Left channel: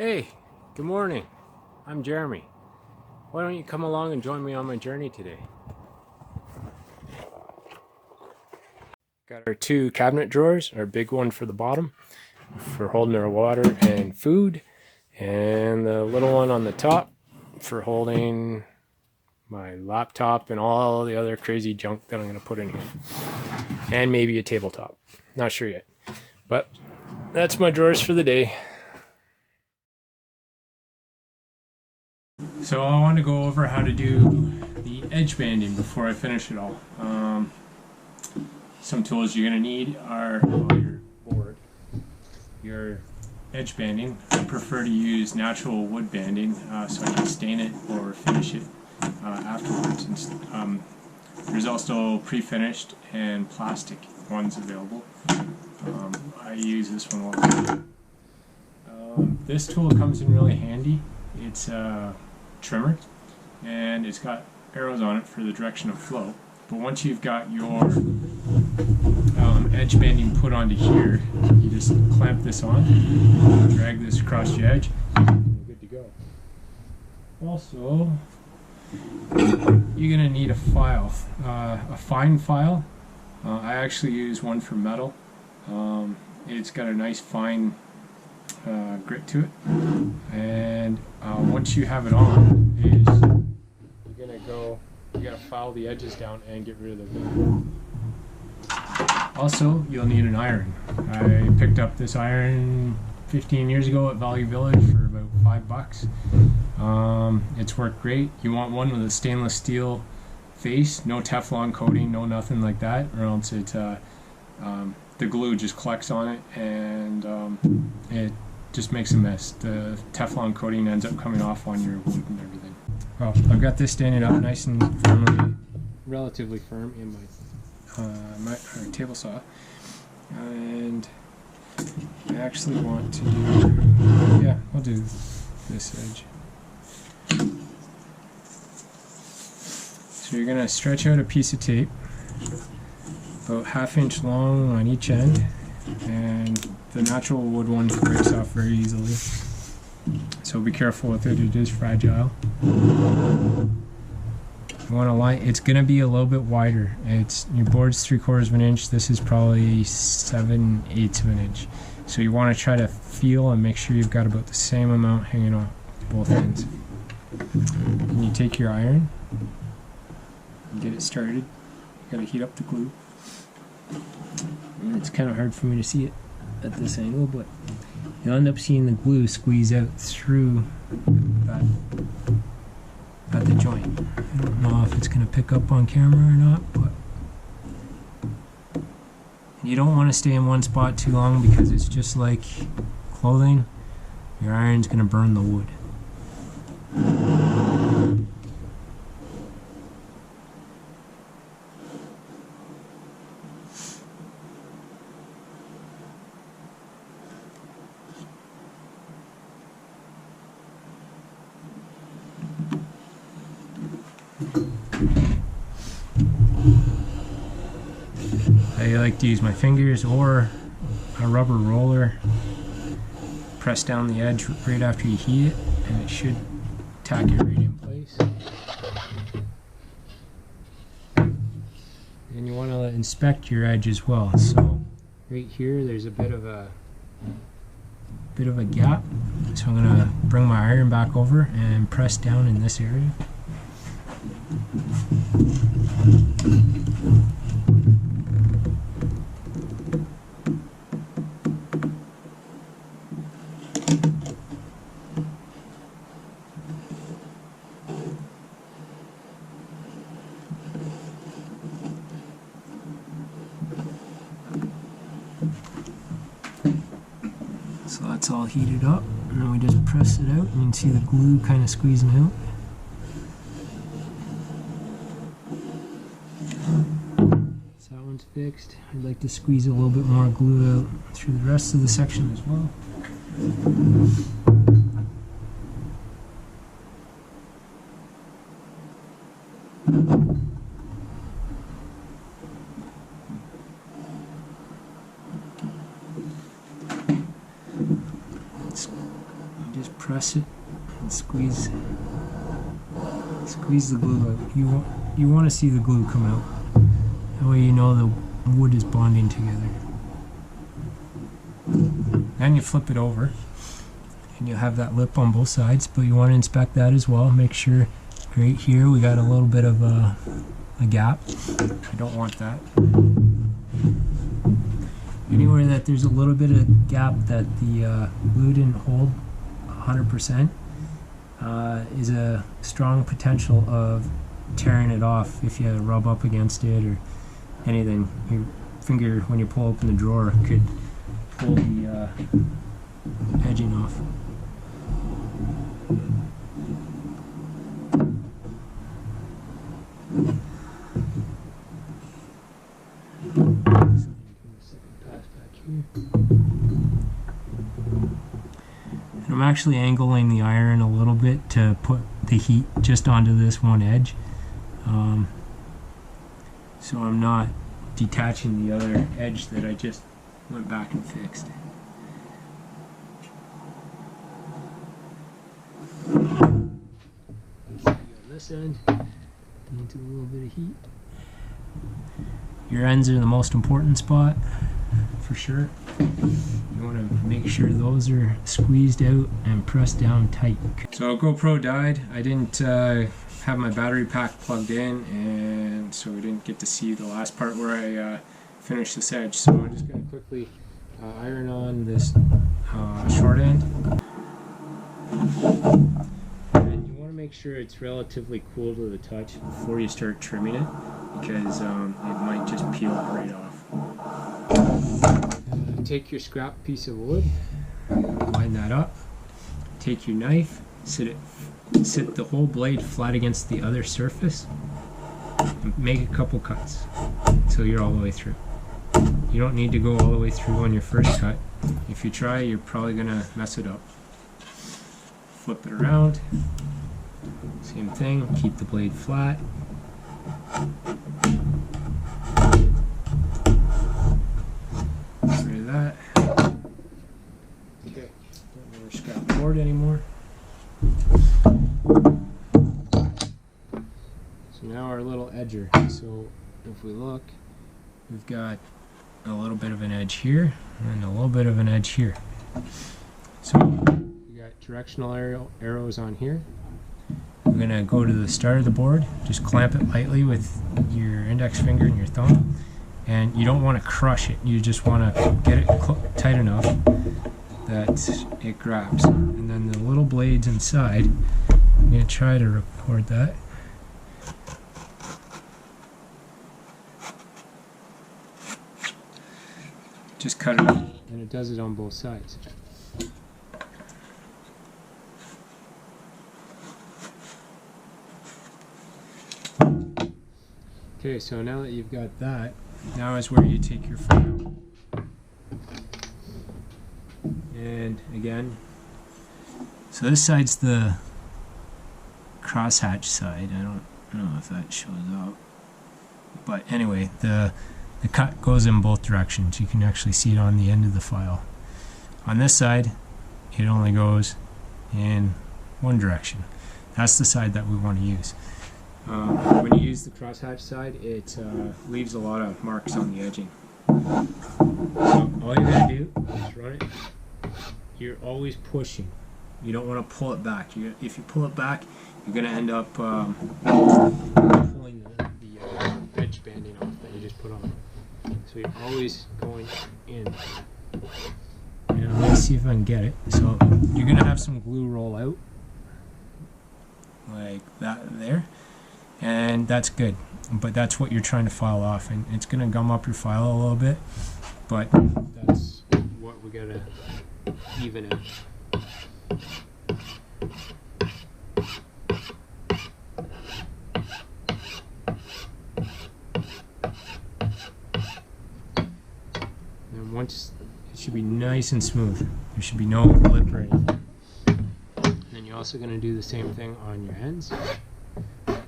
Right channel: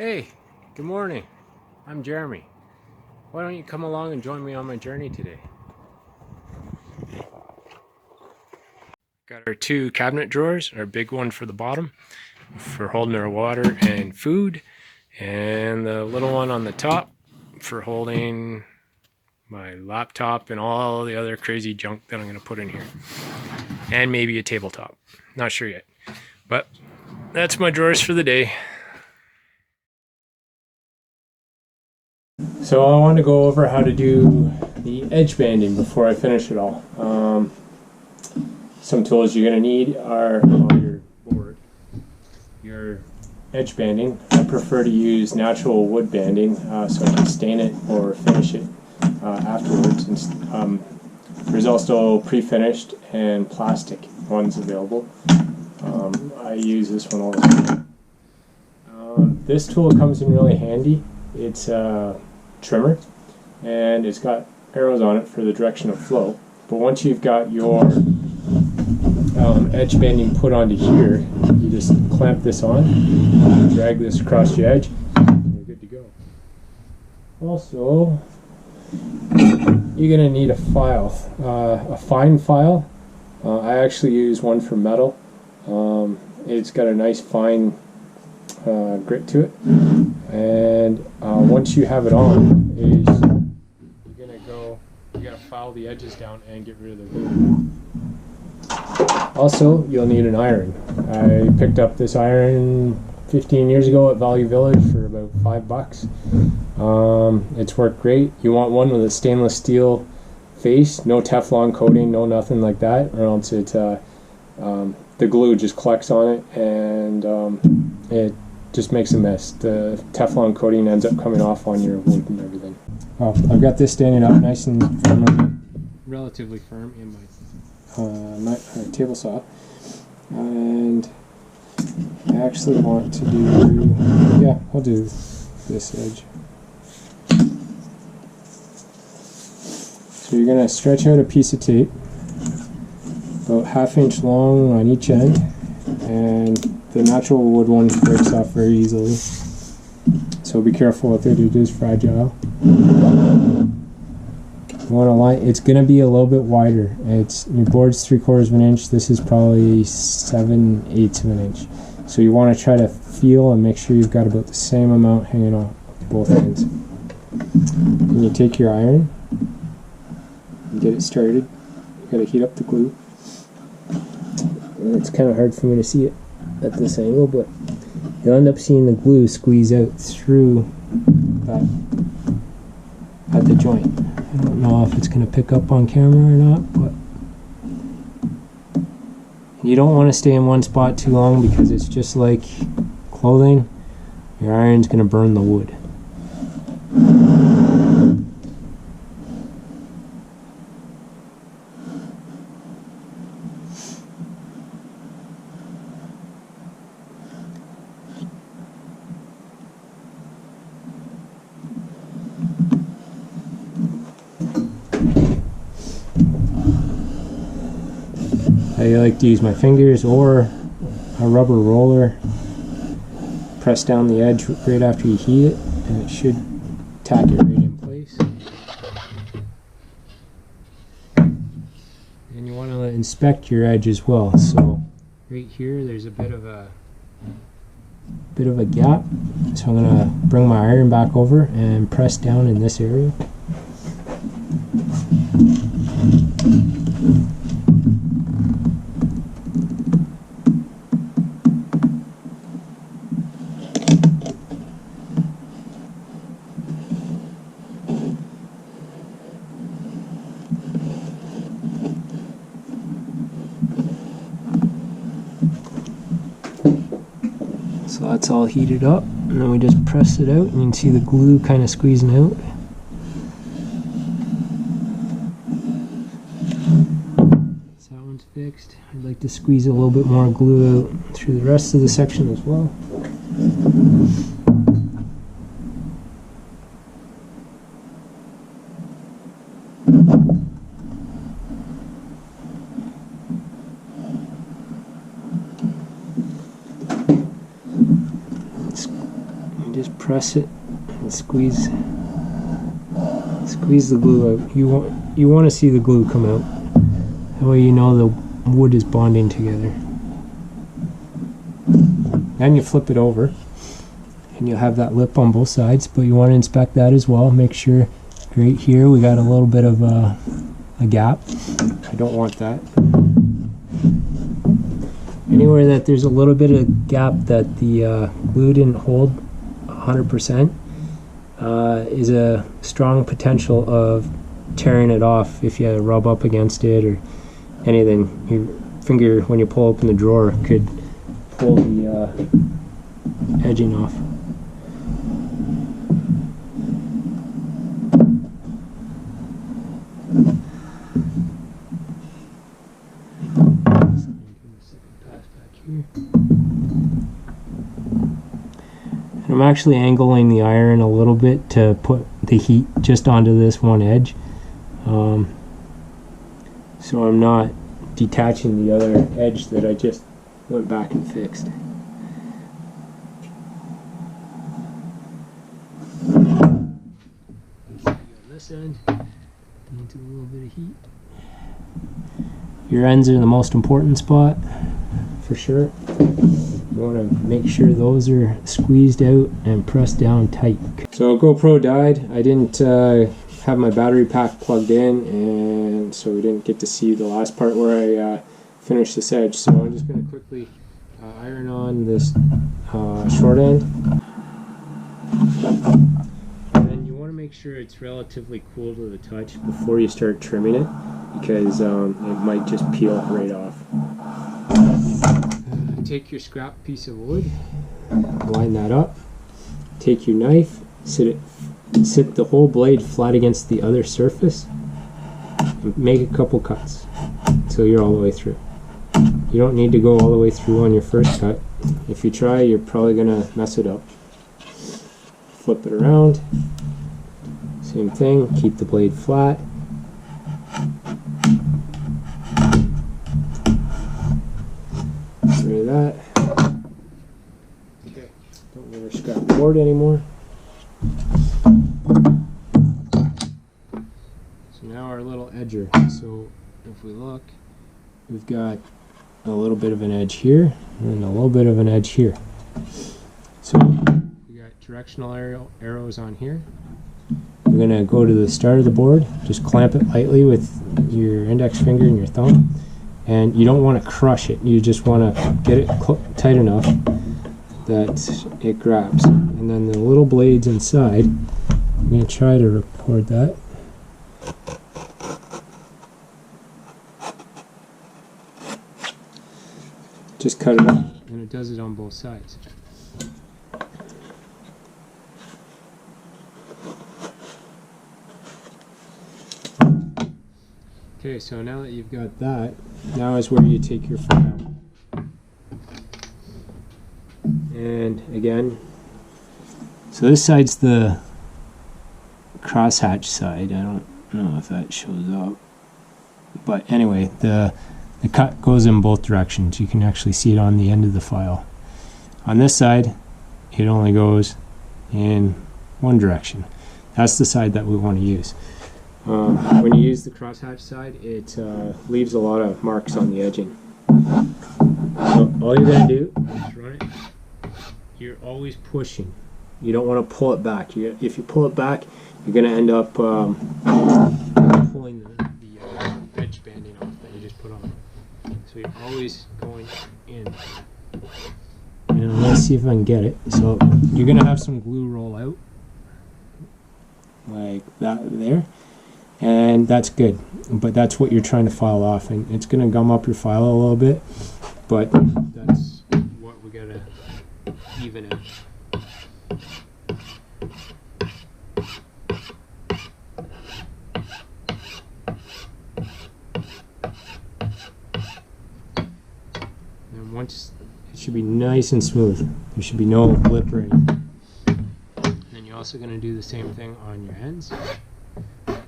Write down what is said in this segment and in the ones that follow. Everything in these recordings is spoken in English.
Hey, good morning. I'm Jeremy. Why don't you come along and join me on my journey today? Got our two cabinet drawers, our big one for the bottom for holding our water and food, and the little one on the top for holding my laptop and all the other crazy junk that I'm going to put in here. And maybe a tabletop. Not sure yet. But that's my drawers for the day. So I want to go over how to do the edge banding before I finish it all. Some tools you're going to need are your board, your edge banding. I prefer to use natural wood banding so I can stain it or finish it afterwards. There's also pre-finished and plastic ones available. I use this one all the time. This tool comes in really handy. It's a trimmer and it's got arrows on it for the direction of flow. But once you've got your edge banding put onto here, you just clamp this on, drag this across the edge, and you're good to go. Also, you're going to need a file, a fine file. I actually use one for metal. It's got a nice fine grit to it, and once you have it on, you gotta file the edges down and get rid of the glue. Also, you'll need an iron. I picked up this iron 15 years ago at Value Village for about $5. It's worked great. You want one with a stainless steel face, no Teflon coating, no nothing like that, or else the glue just collects on it and it just makes a mess. The Teflon coating ends up coming off on your wood and everything. Well, I've got this standing up nice and firmly, relatively firm in my table saw, and I actually want to do, I'll do this edge. So you're going to stretch out a piece of tape about 1/2 inch long on each end, and the natural wood one breaks off very easily, so be careful with it. It is fragile. You want to line, it's going to be a little bit wider. Your board's 3/4 of an inch. This is probably 7/8 of an inch. So you want to try to feel and make sure you've got about the same amount hanging off both ends. And you take your iron and get it started. You got to heat up the glue. It's kind of hard for me to see it at this angle, but you'll end up seeing the glue squeeze out through that at the joint. I don't know if it's going to pick up on camera or not, but you don't want to stay in one spot too long because it's just like clothing. Your iron's going to burn the wood. I like to use my fingers or a rubber roller. Press down the edge right after you heat it, and it should tack it right in place. And you want to inspect your edge as well. So right here, there's a bit of a gap. So I'm going to bring my iron back over and press down in this area. So that's all heated up, and then we just press it out, and you can see the glue kind of squeezing out. So that one's fixed. I'd like to squeeze a little bit more glue out through the rest of the section as well. and just press it and squeeze the glue out. You want to see the glue come out. That way you know the wood is bonding together. Then you flip it over and you'll have that lip on both sides, but you want to inspect that as well. Make sure right here we got a little bit of a gap. I don't want that. Anywhere that there's a little bit of gap that the glue didn't hold 100% is a strong potential of tearing it off if you rub up against it or anything. Your finger, when you pull open the drawer, could pull the edging off. And I'm actually angling the iron a little bit to put the heat just onto this one edge, so I'm not detaching the other edge that I just went back and fixed. On this end, needs a little bit of heat. Your ends are the most important spot, for sure. You want to make sure those are squeezed out and pressed down tight. So GoPro died. I didn't have my battery pack plugged in, and so we didn't get to see the last part where I finished this edge. So I'm just going to quickly iron on this short end. And you want to make sure it's relatively cool to the touch before you start trimming it, because it might just peel it right off. Take your scrap piece of wood, line that up, take your knife, sit the whole blade flat against the other surface, and make a couple cuts until you're all the way through. You don't need to go all the way through on your first cut. If you try, you're probably gonna mess it up. Flip it around, same thing, keep the blade flat. Rid of that. Okay, don't need our scrap board anymore. So now our little edger. So if we look, we've got a little bit of an edge here and a little bit of an edge here. So we got directional arrows on here. We're going to go to the start of the board, just clamp it lightly with your index finger and your thumb. And you don't want to crush it, you just want to get it tight enough that it grabs. And then the little blades inside, I'm going to try to record that. Just cut it up, and it does it on both sides. Okay, so now that you've got that, now is where you take your file. And again, so this side's the crosshatch side. I don't know if that shows up. But anyway, the cut goes in both directions. You can actually see it on the end of the file. On this side, it only goes in one direction. That's the side that we want to use. When you use the crosshatch side, it leaves a lot of marks on the edging. So all you're going to do is run it. You're always pushing. You don't want to pull it back. If you pull it back, you're going to end up pulling the edge banding off that you just put on. So you're always going in. And let's see if I can get it. So you're going to have some glue roll out like that there. And that's good, but that's what you're trying to file off, and it's going to gum up your file a little bit, but that's what we got to even out. And once it should be nice and smooth, there should be no lip or anything. And then you're also going to do the same thing on your ends.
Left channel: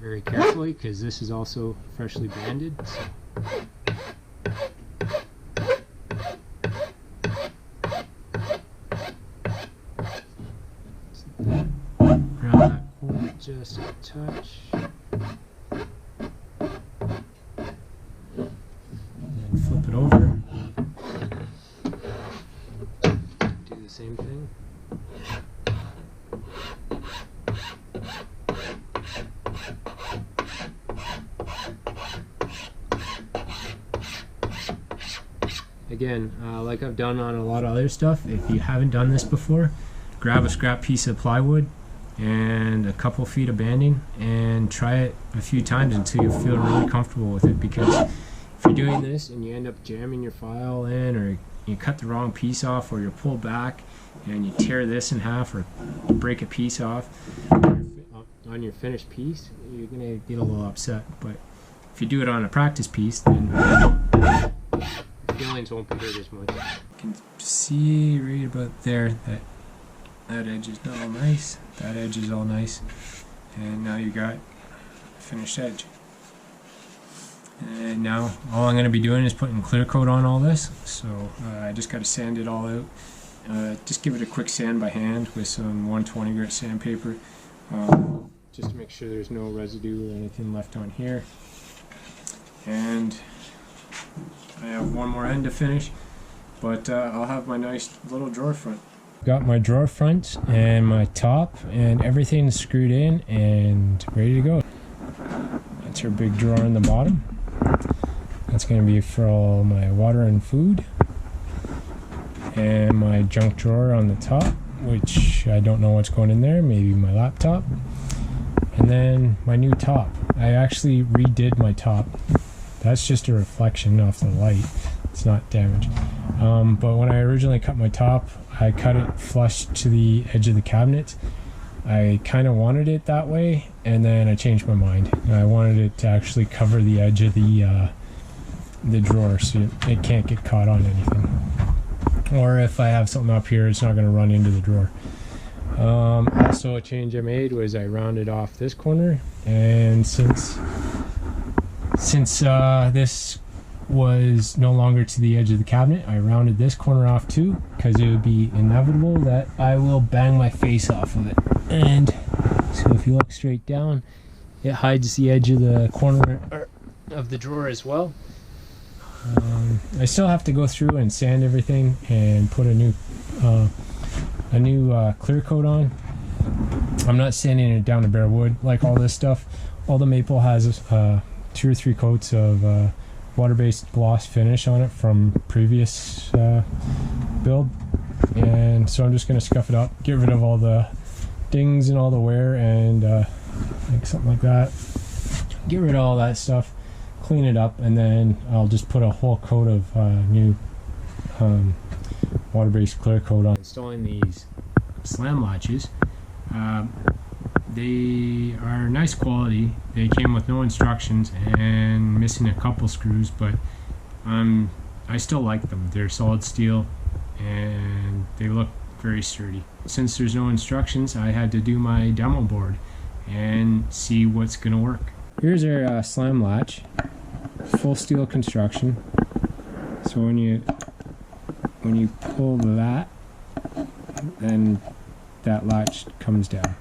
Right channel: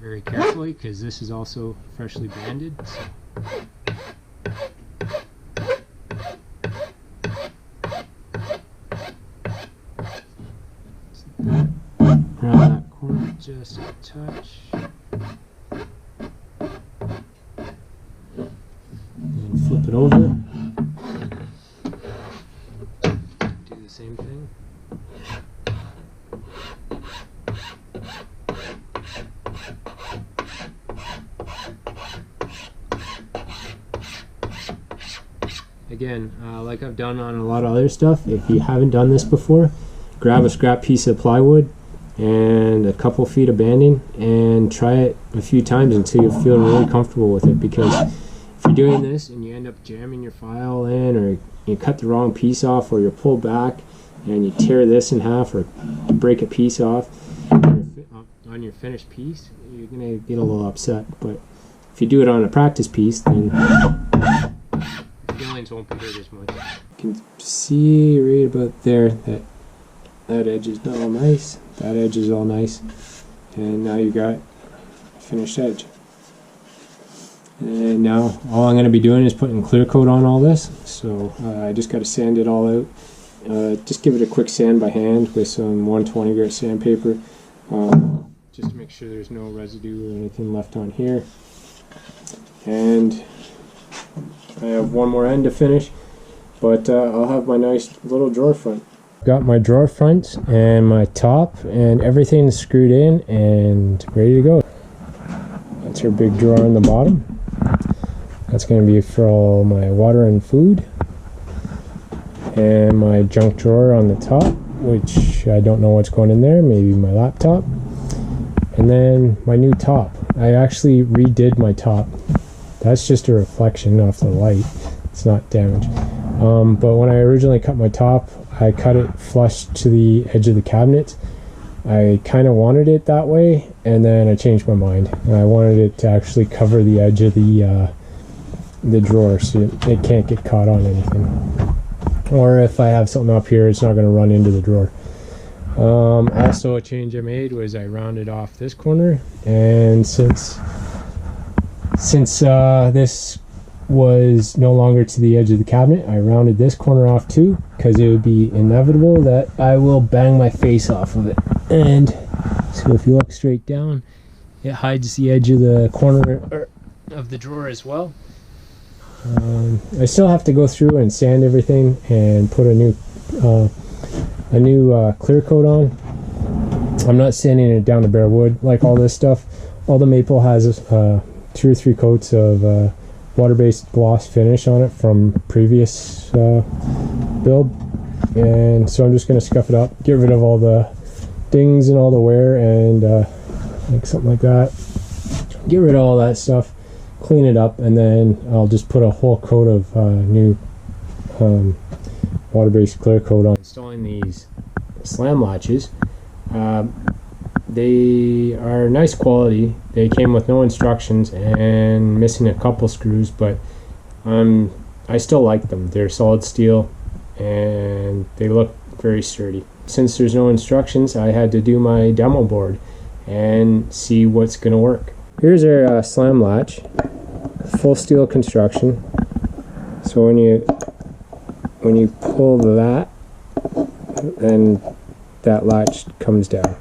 Very carefully, because this is also freshly banded. So. Around that corner just a touch. Then flip it over. Do the same thing. Again, like I've done on a lot of other stuff, if you haven't done this before, grab a scrap piece of plywood and a couple feet of banding and try it a few times until you feel really comfortable with it. Because if you're doing this and you end up jamming your file in, or you cut the wrong piece off, or you pull back and you tear this in half, or break a piece off on your finished piece, you're gonna get a little upset. But if you do it on a practice piece, then feelings won't be hurt as much. You can see right about there that that edge is all nice, that edge is all nice, and now you got a finished edge. And now all I'm going to be doing is putting clear coat on all this, so I just got to sand it all out. Just give it a quick sand by hand with some 120 grit sandpaper, just to make sure there's no residue or anything left on here. And I have one more end to finish, but I'll have my nice little drawer front. Got my drawer front and my top and everything screwed in and ready to go. That's our big drawer on the bottom. That's going to be for all my water and food. And my junk drawer on the top, which I don't know what's going in there, maybe my laptop. And then my new top. I actually redid my top. That's just a reflection off the light. It's not damaged. But when I originally cut my top, I cut it flush to the edge of the cabinet. I kind of wanted it that way, and then I changed my mind. And I wanted it to actually cover the edge of the drawer, so it can't get caught on anything. Or if I have something up here, it's not going to run into the drawer. Also, a change I made was I rounded off this corner, and since this was no longer to the edge of the cabinet, I rounded this corner off too, because it would be inevitable that I will bang my face off of it. And so if you look straight down, it hides the edge of the corner of the drawer as well. I still have to go through and sand everything and put a new clear coat on. I'm not sanding it down to bare wood like all this stuff. All the maple has 2 or 3 coats of water-based gloss finish on it from previous build, and so I'm just going to scuff it up, get rid of all the dings and all the wear, and like something like that. Get rid of all that stuff, clean it up, and then I'll just put a whole coat of new water-based clear coat on. Installing these slam latches. They are nice quality. They came with no instructions and missing a couple screws, but I still like them. They're solid steel and they look very sturdy. Since there's no instructions, I had to do my demo board and see what's going to work. Here's our slam latch, full steel construction. So when you pull that, then that latch comes down.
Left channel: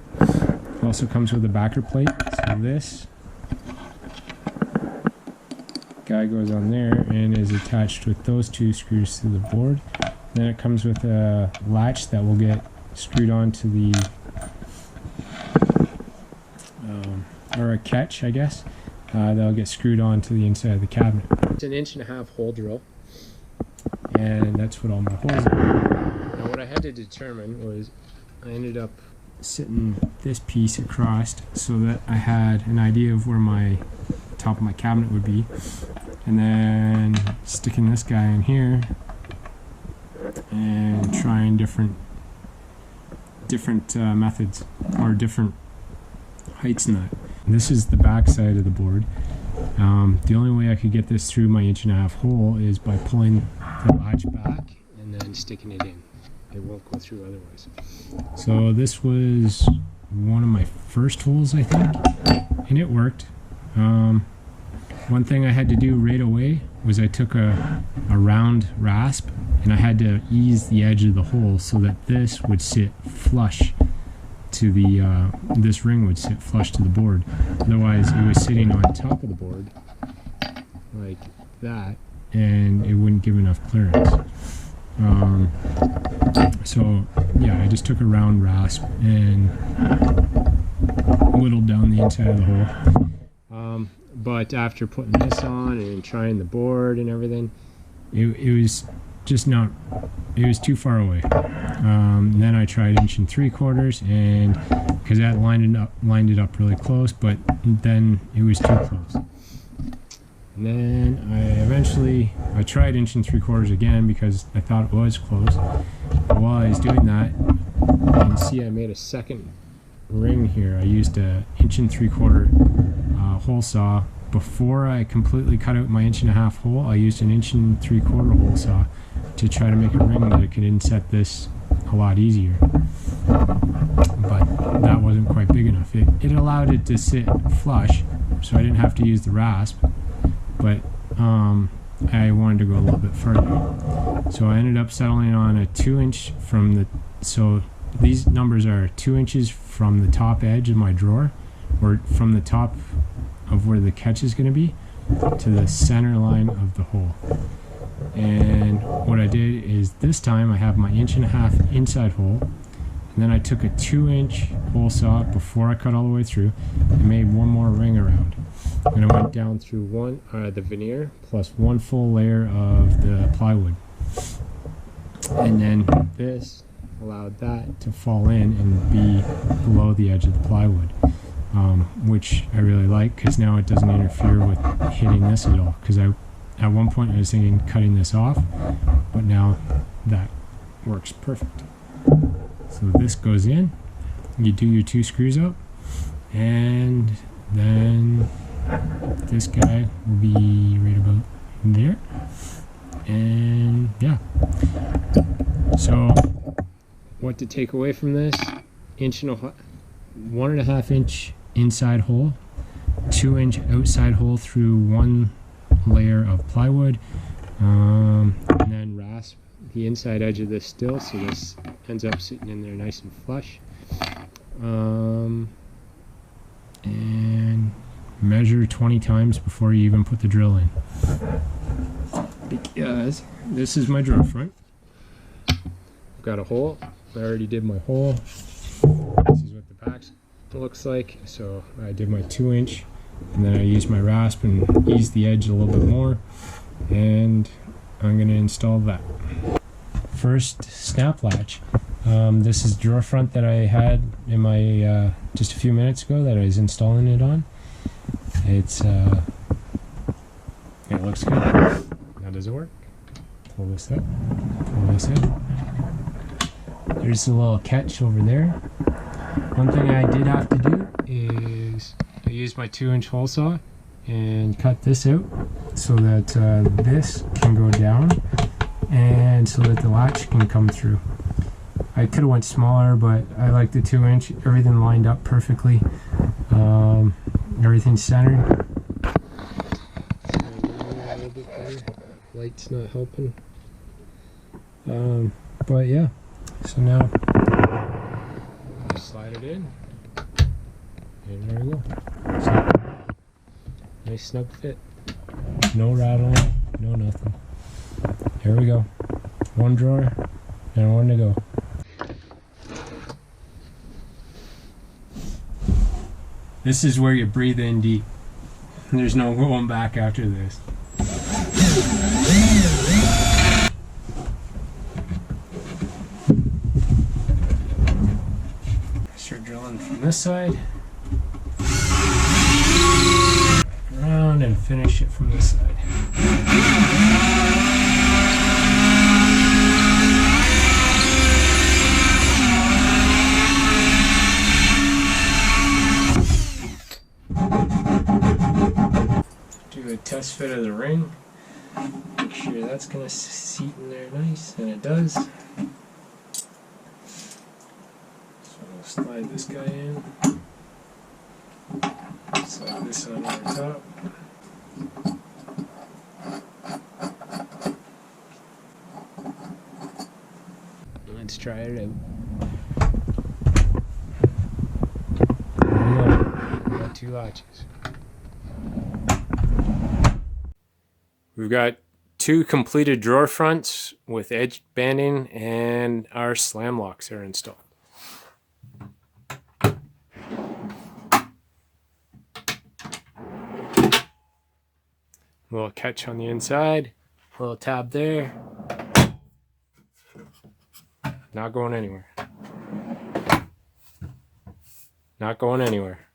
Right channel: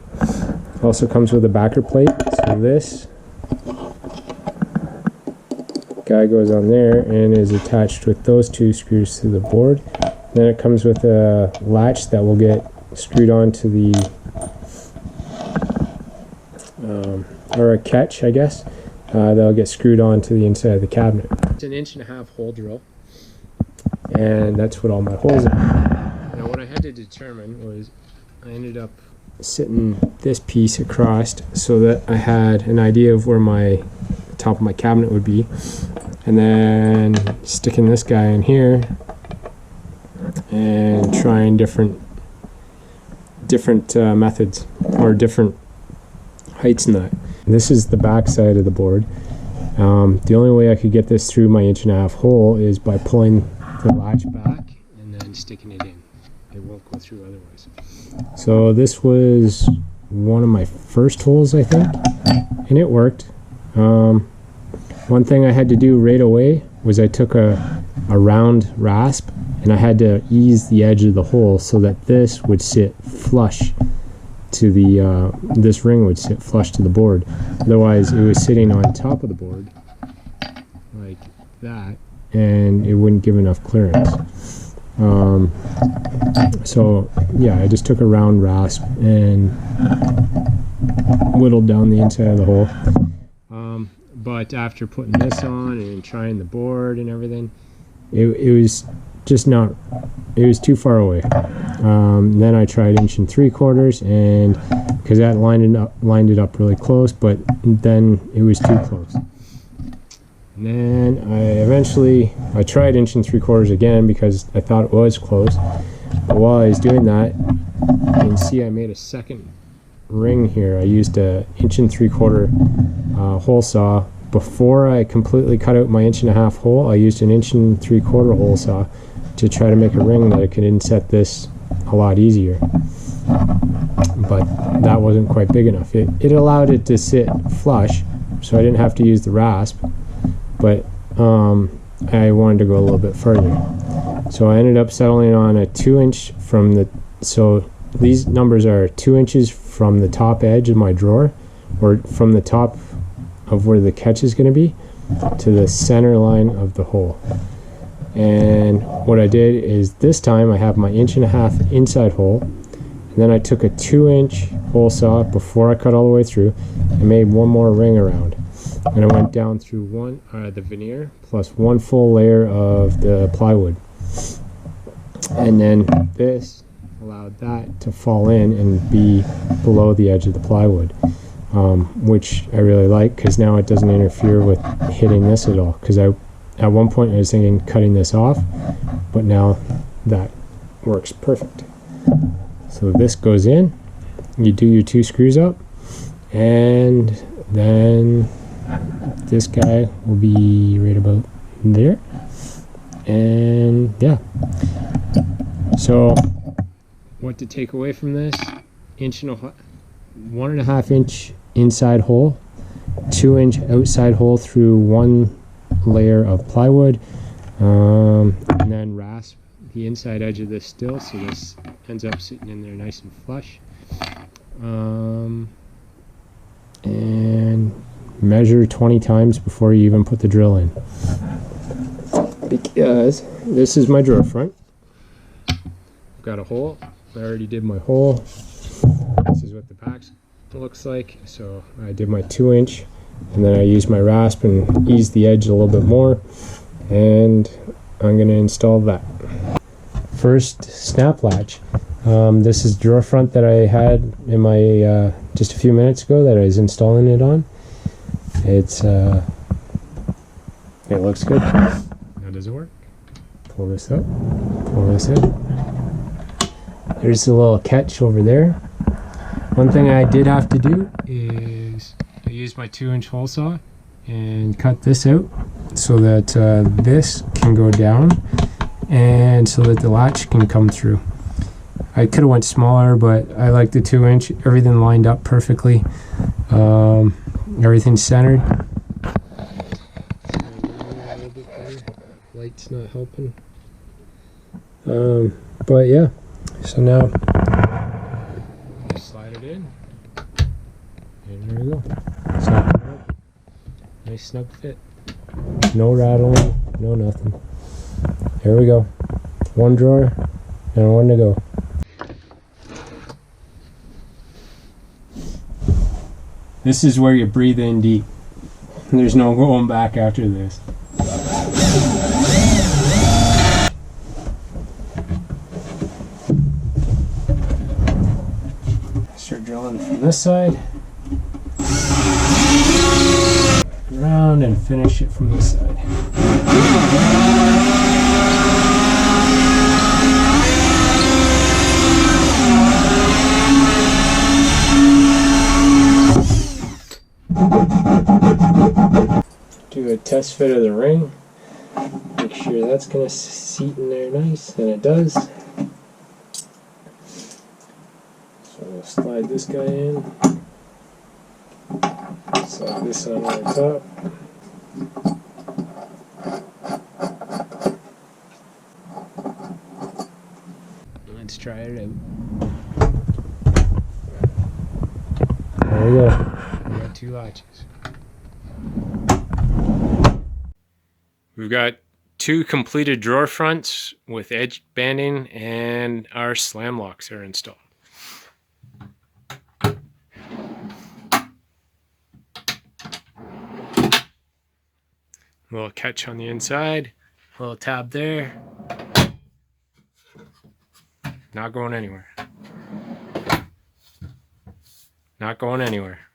Also comes with a backer plate, so this guy goes on there and is attached with those 2 screws to the board. Then it comes with a latch that will get screwed onto the or a catch, I guess, that'll get screwed onto the inside of the cabinet. It's an 1.5-inch hole drill, and that's what all my holes are. Now what I had to determine was, I ended up sitting this piece across so that I had an idea of where the top of my cabinet would be, and then sticking this guy in here and trying different methods or different heights in that. This is the back side of the board. The only way I could get this through my 1.5-inch hole is by pulling the latch back and then sticking it in. It won't go through otherwise. So this was one of my first holes, I think, and it worked. One thing I had to do right away was I took a round rasp and I had to ease the edge of the hole so that this would sit flush to the this ring would sit flush to the board. Otherwise, it was sitting on top of the board like that, and it wouldn't give enough clearance. So yeah, I just took a round rasp and whittled down the inside of the hole. But after putting this on and trying the board and everything, it was just not, it was too far away. Then I tried 1 3/4, and because that lined it up really close, but then it was too close. And then I tried 1 3/4 again because I thought it was close. But while I was doing that, you can see I made a second ring here. I used a 1 3/4 hole saw. Before I completely cut out my 1.5 inch hole, I used an 1 3/4 hole saw to try to make a ring that I could inset this a lot easier. But that wasn't quite big enough. It allowed it to sit flush, so I didn't have to use the rasp, but I wanted to go a little bit further. So I ended up settling on a 2 inch from the, so these numbers are 2 inches from the top edge of my drawer, or from the top of where the catch is going to be, to the center line of the hole. And what I did is this time I have my 1.5 inch inside hole, and then I took a 2 inch hole saw before I cut all the way through and made one more ring around. And I went down through the veneer plus one full layer of the plywood. And then this allowed that to fall in and be below the edge of the plywood, which I really like, because now it doesn't interfere with hitting this at all. Because at one point I was thinking cutting this off, but now that works perfect. So this goes in, you do your 2 screws up, and then this guy will be right about there. And yeah, so what to take away from this: 1.5 inch inside hole, 2 inch outside hole through one layer of plywood, and then rasp the inside edge of this still, so this ends up sitting in there nice and flush. And measure 20 times before you even put the drill in, because this is my drawer front. I've got a hole. I already did my hole. This is what the back looks like. So I did my 2 inch, and then I used my rasp and eased the edge a little bit more, and I'm going to install that. First, snap latch. This is drawer front that I had in my just a few minutes ago that I was installing it on. It looks good. Now does it work? Pull this up, pull this in. There's a little catch over there. One thing I did have to do is I used my 2 inch hole saw and cut this out so that this can go down, and so that the latch can come through. I could have went smaller, but I like the 2 inch. Everything lined up perfectly. Everything's centered. Light's not helping. But yeah, so now slide it in, and there we go. Snug. Nice snug fit. No rattling, no nothing. There we go. One drawer and one to go. This is where you breathe in deep. There's no going back after this. Start drilling from this side, around, and finish it from this side. Do a test fit of the ring, make sure that's going to seat in there nice, and it does. So we'll slide this guy in, slide this on over top. Let's try it out. There you go. We got 2 latches. We've got 2 completed drawer fronts with edge banding, and our slam locks are installed. Little catch on the inside, little tab there. Not going anywhere. Not going anywhere.